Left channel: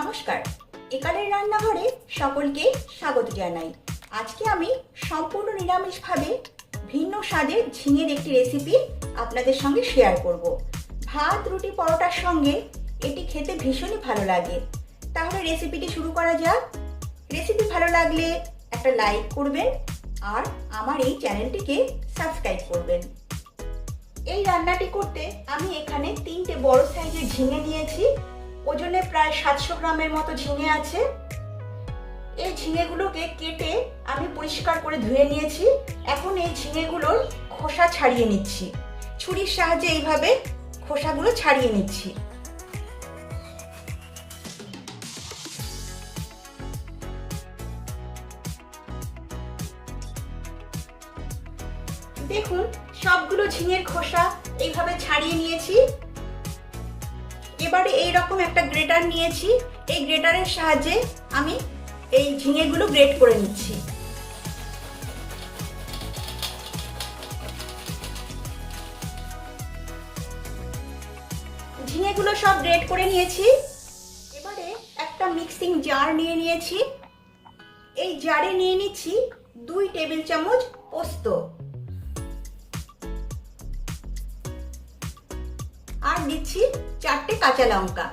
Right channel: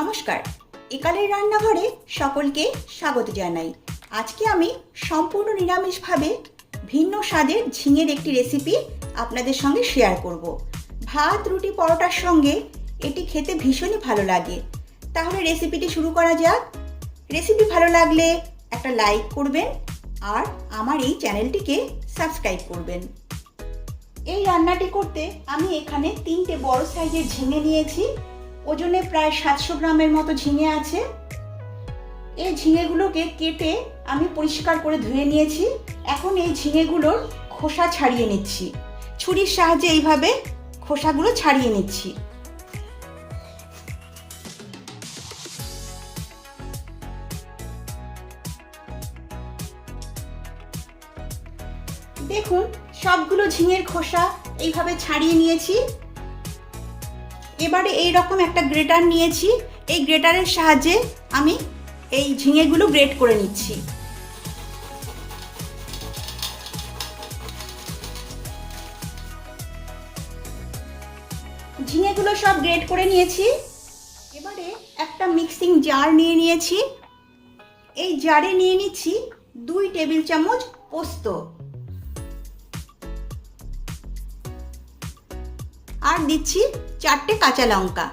নমস্কার। একালের রান্নাঘরে সকলকে স্বাগত জানাই। আজকে আমি সম্পূর্ণ নিরামিষভাবে ভিন্ন স্বাদের ঝিঙের একটি রেসিপি আপনাদের সঙ্গে শেয়ার করব। ভাত, রুটি, পরোটার সঙ্গে এটি খেতে ভীষণই ভালো লাগে। তাহলে রেসিপিটি শুরু করা যাক। রেসিপি ভালো লাগলে একটা লাইক করবেন আর আমার এই চ্যানেলটিকে সাবস্ক্রাইব করবেন। এই রান্নাটি করতে আমি এখানে তিনটে বড় সাইজের ঝিঙে নিয়েছি। ওজনে প্রায় সাতশো গ্রামের মতো ঝিঙে আছে। এই ঝিঙেগুলোকে কেটে আমি পরিষ্কার করে ধুয়ে নিয়েছি। এখন এই ঝিঙেগুলোর খোসা ছাড়িয়ে নিচ্ছি। ছুরির সাহায্যে এইভাবে খোসাগুলো ছাড়িয়ে নিচ্ছি। দেখুন, সবগুলো ঝিঙের খোসা এইভাবে ছাড়িয়ে নিয়েছি। এবারে এই রকম একটা গ্রেটার নিয়েছি। এই গ্রেটারের সাহায্যে আমি এই ঝিঙেগুলো গ্রেট করে নিচ্ছি। ঝিঙেগুলো সব গ্রেট করে নিয়েছি। এবারে একটা মিক্সিং জার নিয়ে নিয়েছি। এই জারে নিয়ে নিচ্ছি দুই টেবিল চামচ পোস্ত। আর দিচ্ছি চারটে কাঁচা লঙ্কা।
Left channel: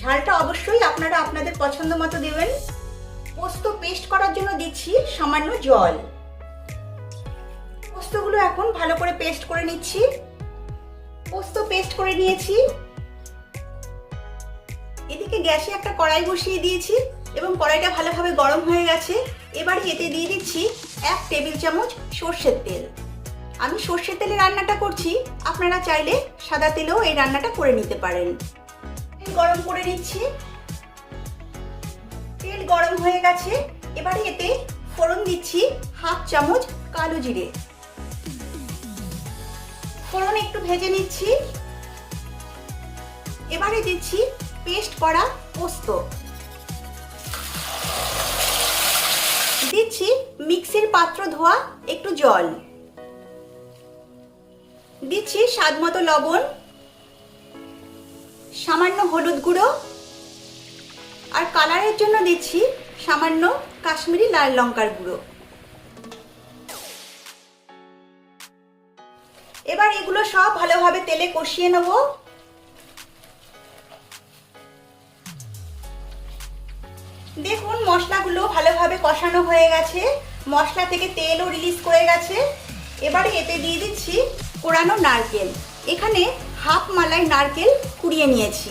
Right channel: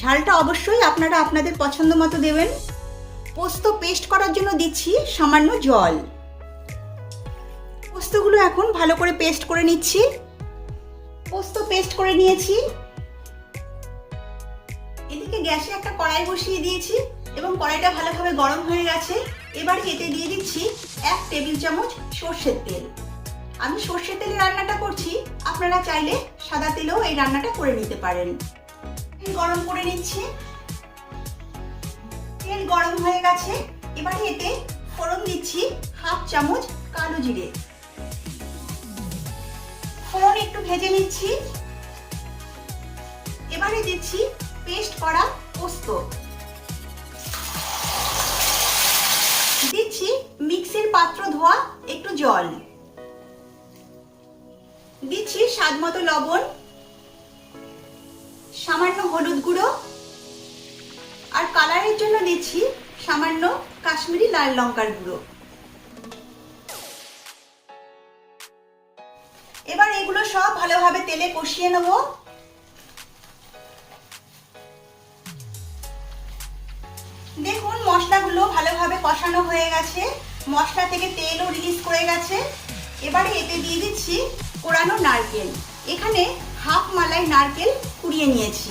ঝালটা অবশ্যই আপনারা আপনাদের পছন্দ মতো দেবেন। পোস্ত পেস্ট করার জন্য দিচ্ছি সামান্য জল। পোস্তগুলো এখন ভালো করে পেস্ট করে নিচ্ছি। পোস্ত পেস্ট করে নিয়েছি। এদিকে গ্যাসে একটা কড়াই বসিয়ে দিয়েছি এবং কড়াইটা ভালোভাবে গরম হয়ে গেছে। এবার এতে দিয়ে দিচ্ছি এক টেবিল চামচ সর্ষের তেল। আমি সর্ষের তেলে রান্নাটা করছি। আপনারা চাইলে সাদা তেলেও এই রান্নাটা করে নিতে পারেন। গরম করে নিচ্ছি। তেল গরম হয়ে গেছে। এবারে এতে ফোড়ন দিচ্ছি হাফ চামচ কালো জিরে। ফোড়ন একটু ভেজে নিচ্ছি। এবারে দিচ্ছি পেস্ট করা পোস্ত। দিচ্ছি মিক্সির পাত্র ধোয়া একটু জল। লবণ, সামান্য হলুদ গুঁড়ো, আর কালারের জন্য দিচ্ছি সামান্য কাশ্মীরি লাল লঙ্কার গুঁড়ো। এবার এগুলো সব ভালোভাবে তেলে কষিয়ে নেব। দেখুন, মশলাগুলো ভালোভাবে কষানো হয়ে গেছে। মশলা থেকে তেলও রিলিজ করে গেছে। এবারে এতে দিয়ে দিচ্ছি কোরানো নারকেল। এখানে হাফ মালাই নারকেল কুড়িয়ে নিয়েছি।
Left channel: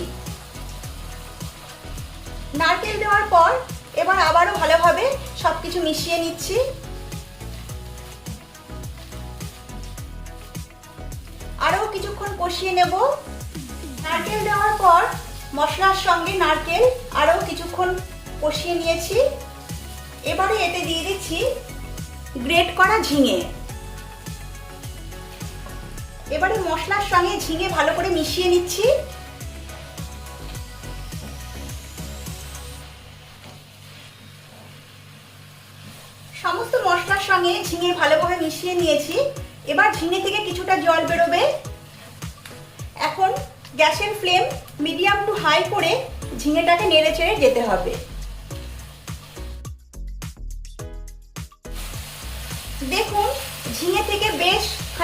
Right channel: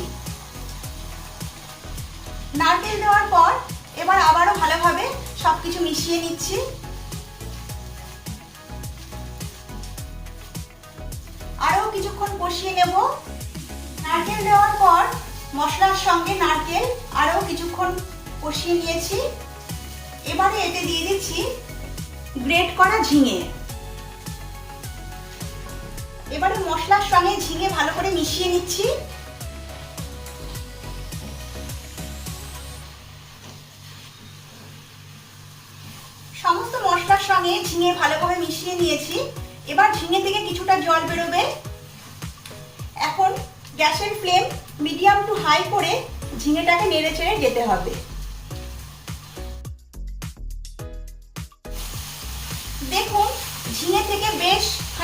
নারকেল দেওয়ার পর এবার আবারও ভালোভাবে সবকিছু মিশিয়ে নিচ্ছি। আরও কিছুক্ষণ কষিয়ে নেব। নারকেল দেওয়ার পর মশলার সঙ্গে নারকেল আরও কিছুক্ষণ কষিয়ে নিয়েছি। এবারে এতে দিয়ে দিচ্ছি গ্রেট করা ঝিঙে। এবারে মশলার সঙ্গে ঝিঙে ভালো করে মিশিয়ে নিচ্ছি। সমস্ত মশলার সঙ্গে ঝিঙে ভালো করে মিশিয়ে নিয়েছি। এবার ঝিঙে থেকে কিছুটা জল বেরোবে। এখন গ্যাসের ফ্লেম মিডিয়াম টু হাই করে ঝিঙেটাকে নেড়ে চেড়ে যেতে হবে।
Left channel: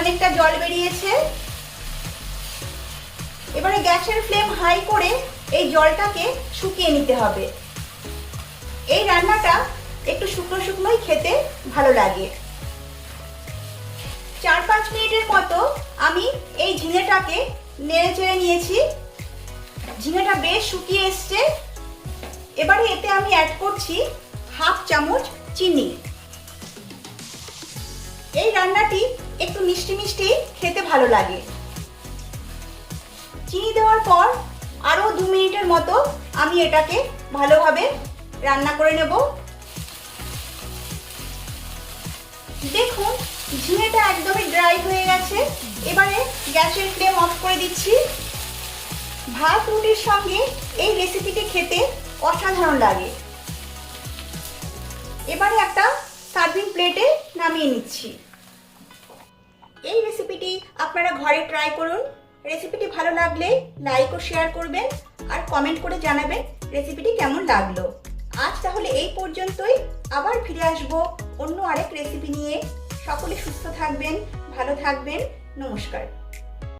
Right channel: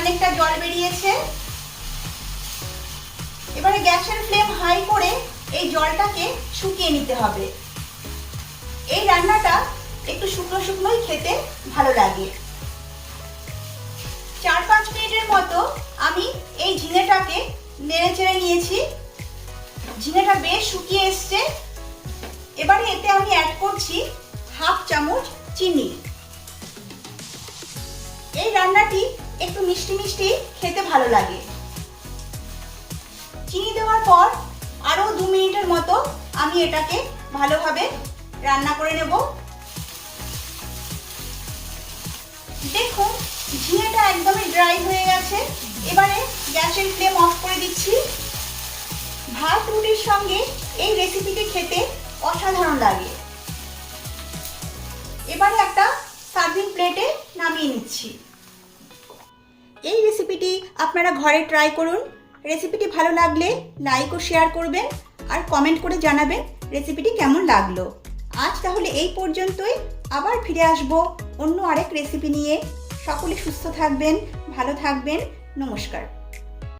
বেশ খানিকটা জল বেরিয়েছে। এবারে গ্যাসের ফ্লেম হাই করে এই জলটাকে শুকিয়ে নিতে হবে। এই রান্নাটা একটু শুকনো শুকনোই খেতে ভালো লাগে। চার পাঁচ মিনিটের মতো আমি এই ঝিঙেটাকে নেড়ে চেড়ে নিয়েছি। ঝিঙেটা বেশ শুকিয়ে এসছে। এবারে এতে আমি অ্যাড করছি হাফ চামচ চিনি। এই রান্নাটি একটু মিষ্টি মিষ্টি খেতে ভালো লাগে। চিনি দেওয়ার পর আরও দু মিনিটের মতো আমি এটাকে ভালোভাবে রান্না করে নেব। দেখুন, ঝিঙেটা একদমই ড্রাই হয়ে গেছে। এবারে গ্যাসের ফ্লেম অফ করে দিচ্ছি। ভাত রুটির সঙ্গে এই রেসিপিটি খেতে অসাধারণ লাগে। এবারে একটা সার্ভিং প্লেটে নামিয়ে নিচ্ছি। এই রেসিপিটি আপনারা ঘরে ট্রাই করুন। রেসিপিটি ভালো লাগলে লাইক ও শেয়ার করবেন আর কমেন্ট করে জানাবেন রেসিপিটি কেমন লাগল। আজ তাহলে এই পর্যন্তই। আবার ফিরে আসব অন্য আরেক রেসিপি নিয়ে। সকলে সুস্থ থাকবেন, ভালো থাকবেন। নমস্কার।